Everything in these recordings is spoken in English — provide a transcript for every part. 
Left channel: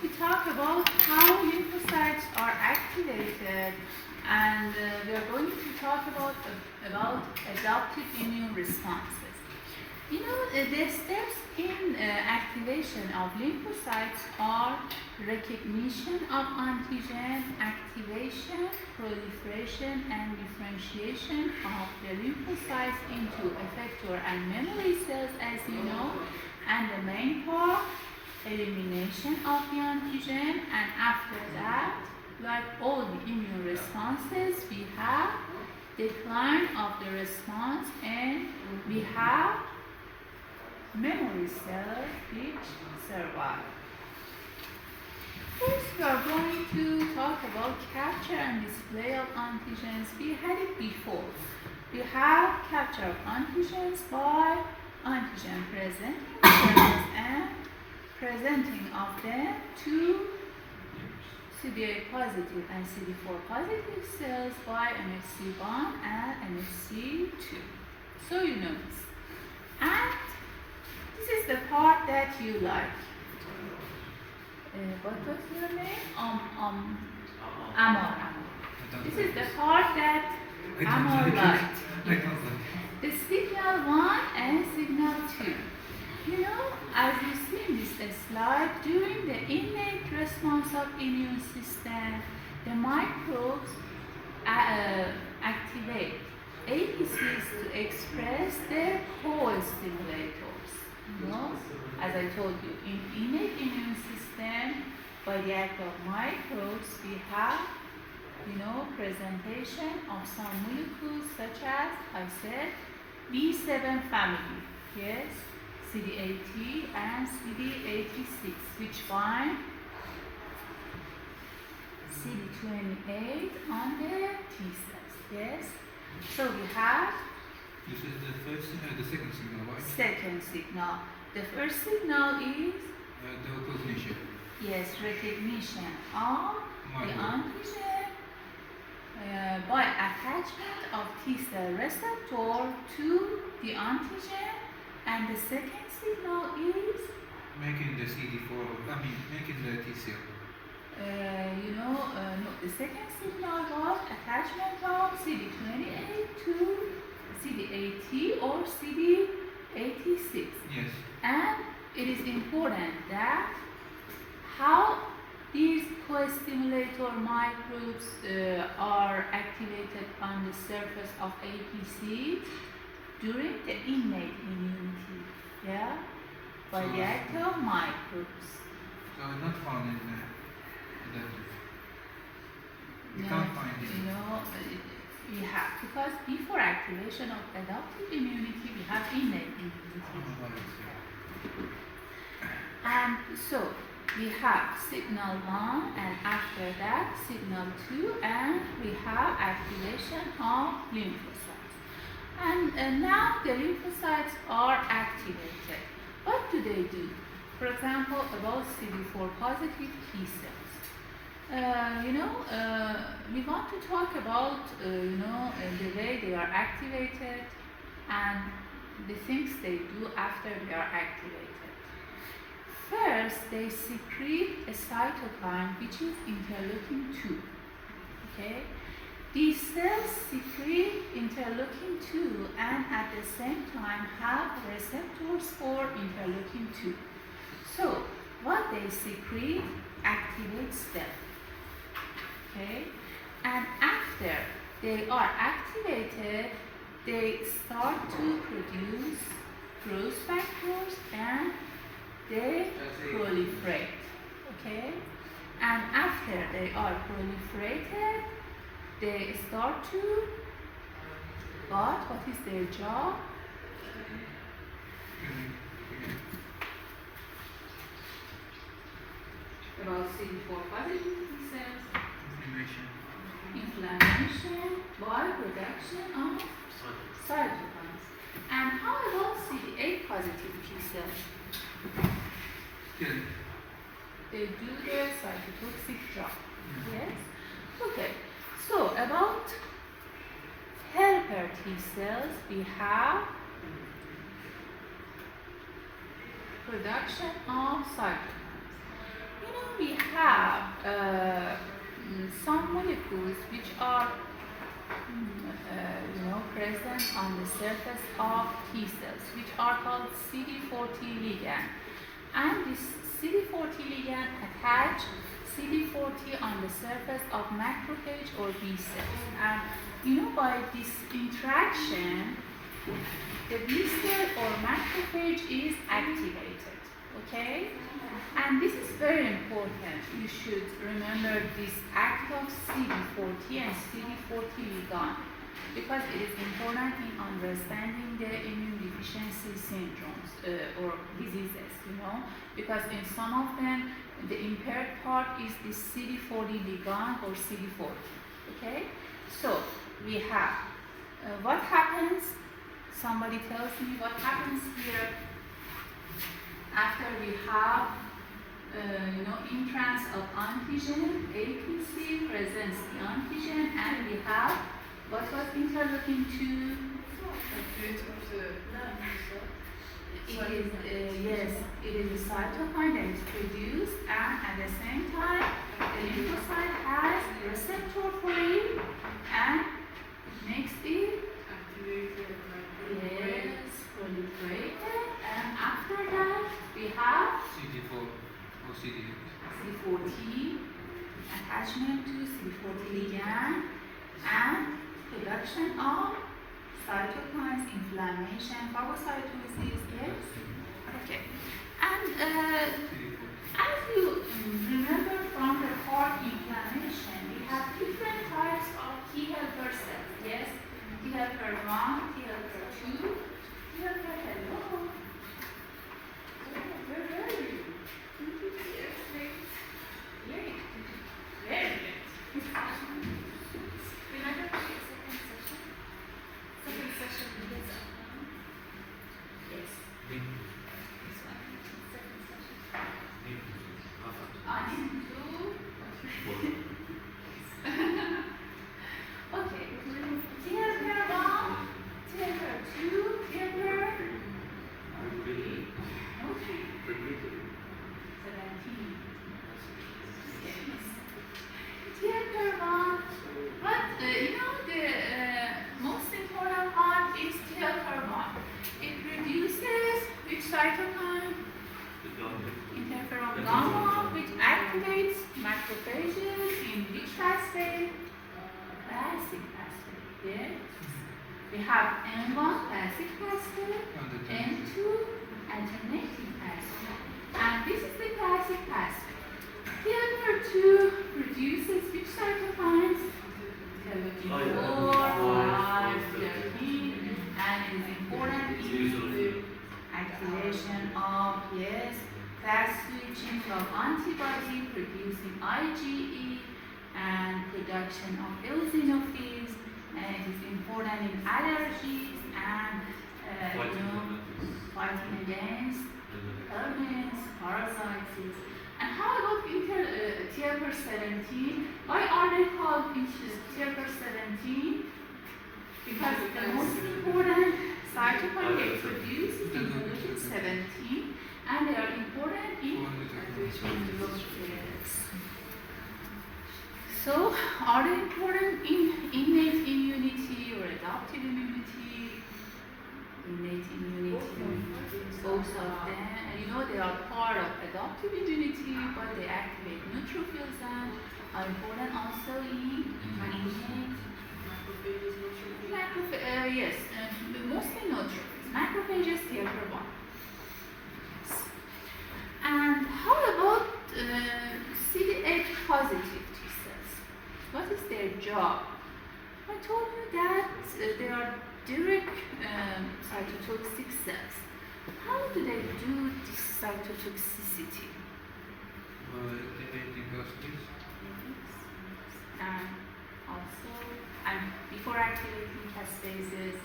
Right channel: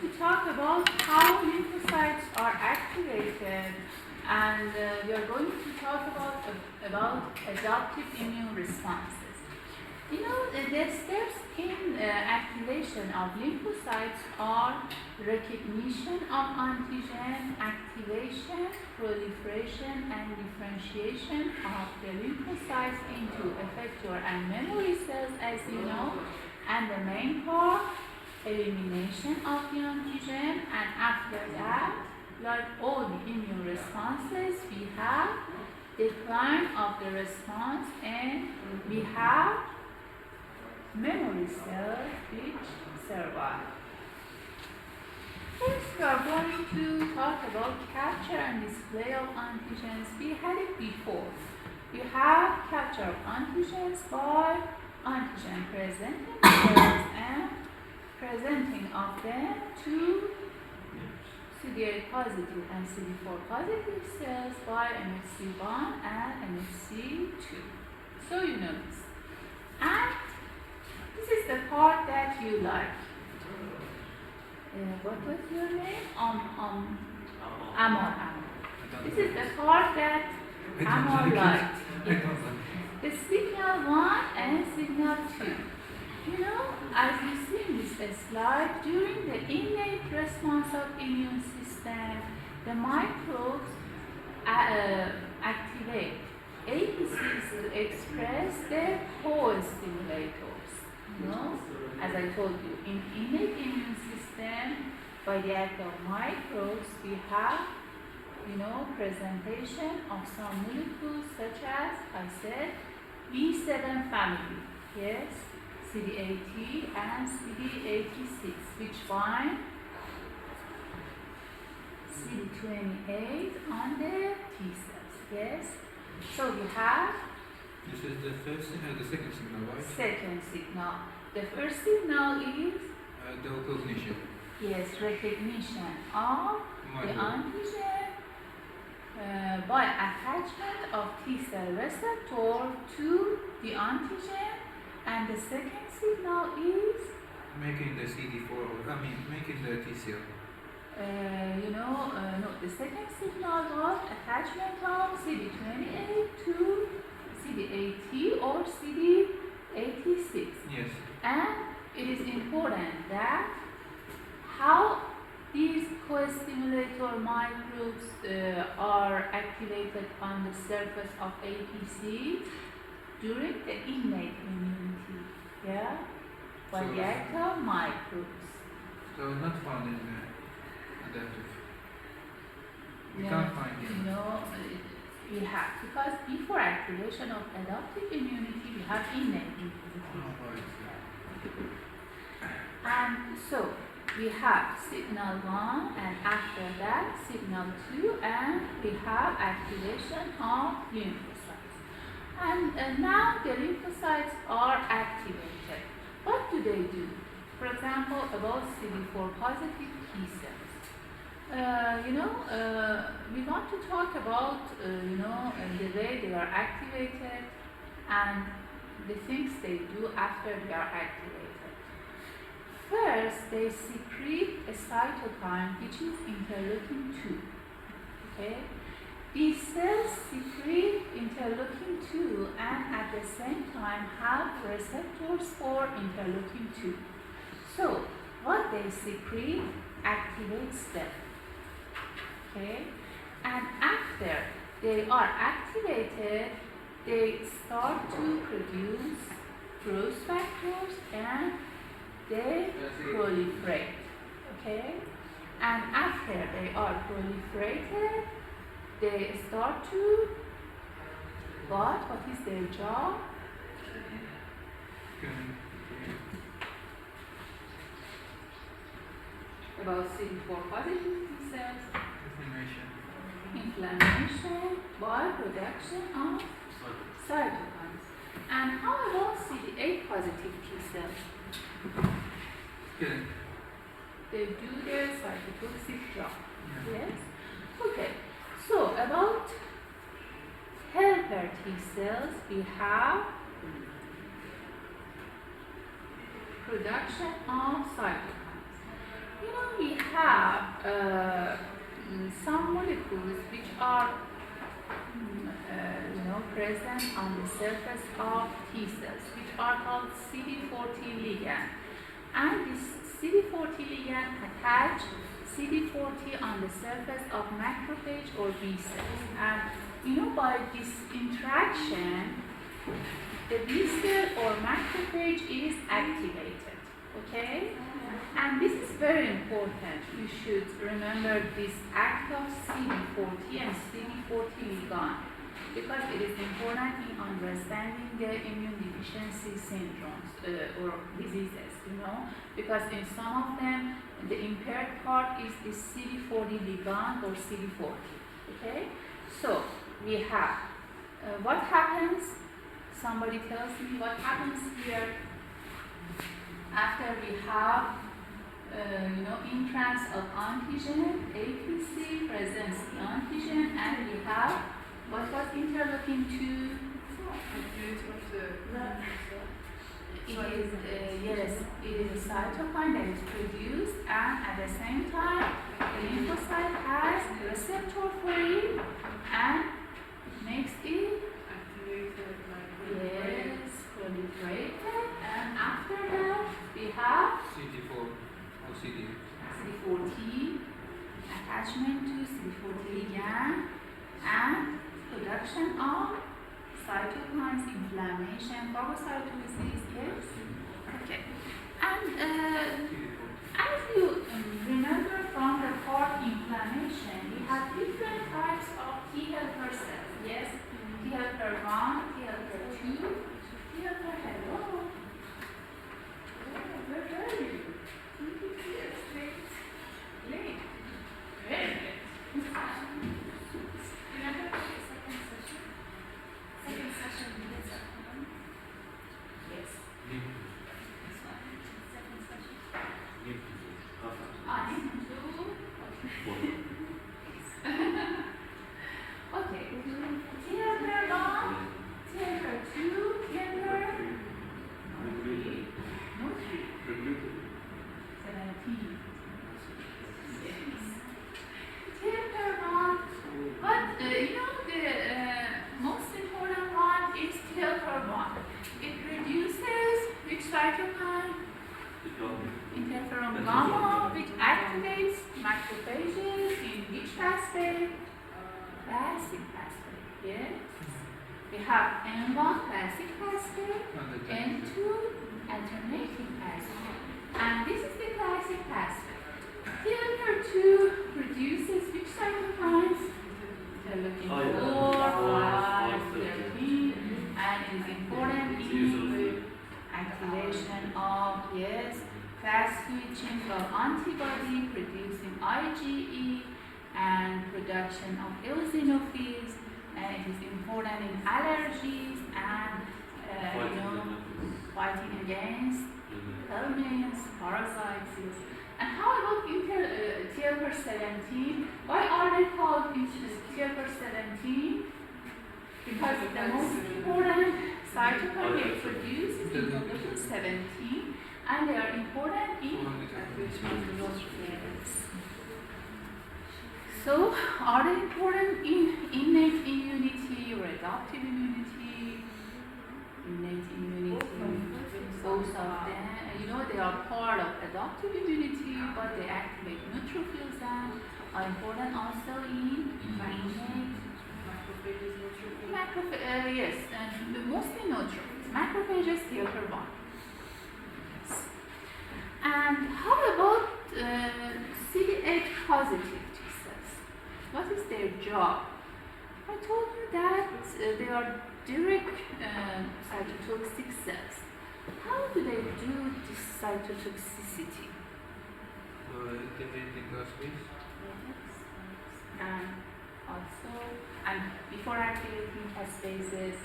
to talk about how lymphocytes are activated, and we are going to talk about adaptive immune responses. You know, the steps in activation of lymphocytes are recognition of antigen, activation, proliferation, and differentiation of the lymphocytes into effector and memory cells, as you know, and the main part, elimination of the antigen, and after that, like all the immune responses, we have decline of the response, and we have memory cells which survive. First, we are going to talk about capture and display of antigens. We had it before. We have capture of antigens by antigen presenting cells and presenting of them to CD8 positive and CD4 positive cells by MHC1 and MHC2. So you know this. And this is the part that you like. What was your name? Amor. This is the part that Amor liked. The signal 1 and signal 2. You know, as you see in this slide, during the innate response of immune system, the microbes activate APCs to express the co-stimulators. You know, as I told you, in innate immune system, by the act of microbes, we have, you know, presentation of some molecules such as, I said, B7 family, yes, CD80 and CD86, which bind CD28 on the T cells, yes. So we have this is the second signal, right? Second signal. The first signal is the recognition. yes, recognition of the antigen by attachment of T cell receptor to the antigen, and the second signal is making the CD4. Making the T cell. no, the second signal was attachment of CD28 to CD80 or CD86. Yes. And it is important that how these co-stimulator microbes are activated on the surface of APC during the innate immunity, yeah, by the act of microbes. So not found in the adaptive. We No, can't find it. No, we have, because before activation of adaptive immunity, we have innate immunity. And so we have signal 1, and after that signal 2, and we have activation of lymphocytes. And now the lymphocytes are activated. What do they do? For example, about CD4 positive T cells. We want to talk about the way they are activated and the things they do after they are activated. First, they secrete a cytokine which is interleukin-2. Okay? These cells secrete interleukin-2 and at the same time have receptors for interleukin-2. So, what they secrete activates them. Okay? And after they are activated, they start to produce growth factors and they proliferate. Okay? And after they are proliferated, they start to what is their job? About CD4 positive T cells. Inflammation by production of cytokines. And how about CD8 positive T cells? They do the cytotoxic job. Yes? Okay. So about helper T cells, we have production of cytokines. We some molecules which are present on the surface of T cells, which are called CD40 ligand. And this CD40 ligand attach CD40 on the surface of macrophage or B cells. And by this interaction, the B cell or macrophage is activated. Okay? And this is very important. You should remember this act of CD40 and CD40 ligand, because it is important in understanding the immune deficiency syndromes or diseases, because in some of them, the impaired part is the CD40 ligand or CD40, okay? So, we have, what happens, somebody tells me what happens here after we have entrance of antigen, APC presents the antigen, and we have what was interleukin 2? It is a cytokine that is produced, and at the same time, the lymphocyte has receptor for it, and it makes it proliferated, and after that, we have CD4 or CD8. CD40 attachment to CD40 ligand and production of cytokines, inflammation, phagocytosis, yes? Okay. And as you remember from the heart inflammation, we have different types of T helper cells, yes? T helper 1, T helper 2, T helper, hello. Where are you? Yes, late. Very late. Second session is yes. This one. Second session. Okay. Theater 1, theater 2, theater 3. No 3. 17. Yes. Theater 1. But the most important one is theater 1. It produces which cytokine? Interferon gamma, which activates macrophages in which pathway? Classic pathway, yes. We have M1 classic pathway, M2 alternating pathway. And this is the classic pathway. Theater 2 produces which cytokines? Interleukin 4, 5, 13, and it is important in activation of, yes, class switching from antibody producing IgE and production of eosinophils, and it is important in allergies and fighting against helminths, parasites. And how about TLR 17? Why are they called TLR 17? Because the most important cytokine they produce is interleukin 17, and they are important in yes. So, are they important in innate immunity or adaptive immunity? Innate immunity, both of them. They are part of adaptive immunity, but they activate neutrophils and are important also in innate. Yes, mostly neutrophils. Macrophages, helper 1. Yes. And how about CD8 positive T cells? What is their job? I told you that they are direct cytotoxic cells. How do they do this cytotoxicity? Activating pathways. And also, and before activating casphases,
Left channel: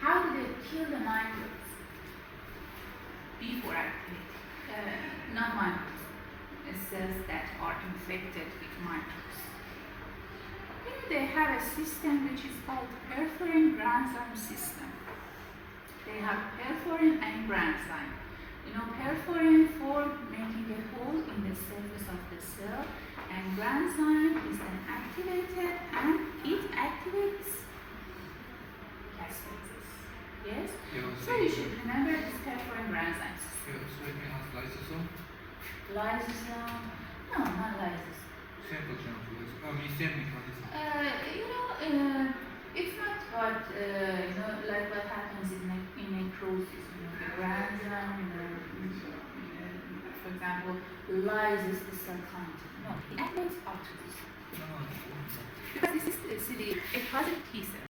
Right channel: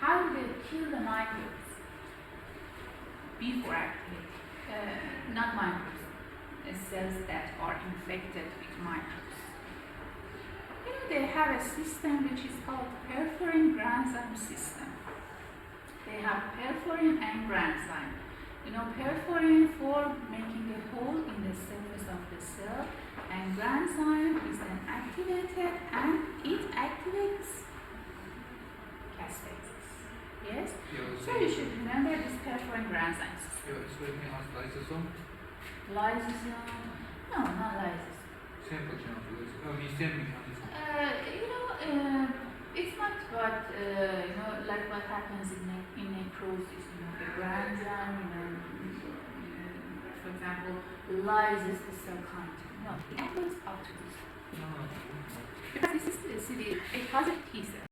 how do they kill the microbes before activating? Not microbes, cells that are infected with microbes. They have a system which is called perforin granzyme system. They have perforin and granzyme. You know, perforin for making a hole in the surface of the cell, and granzyme is then activated and it activates caspases. Yes? So you should remember this perforin granzyme system. You're speaking of lysosome? Lysosome? No, not lysosome. Simple chemicals. I mean, same mechanism. It's not what, like what happens in necrosis, the granzyme, for example, lyses the cell content. No, it activates autophagy. Because this is a positive T cell.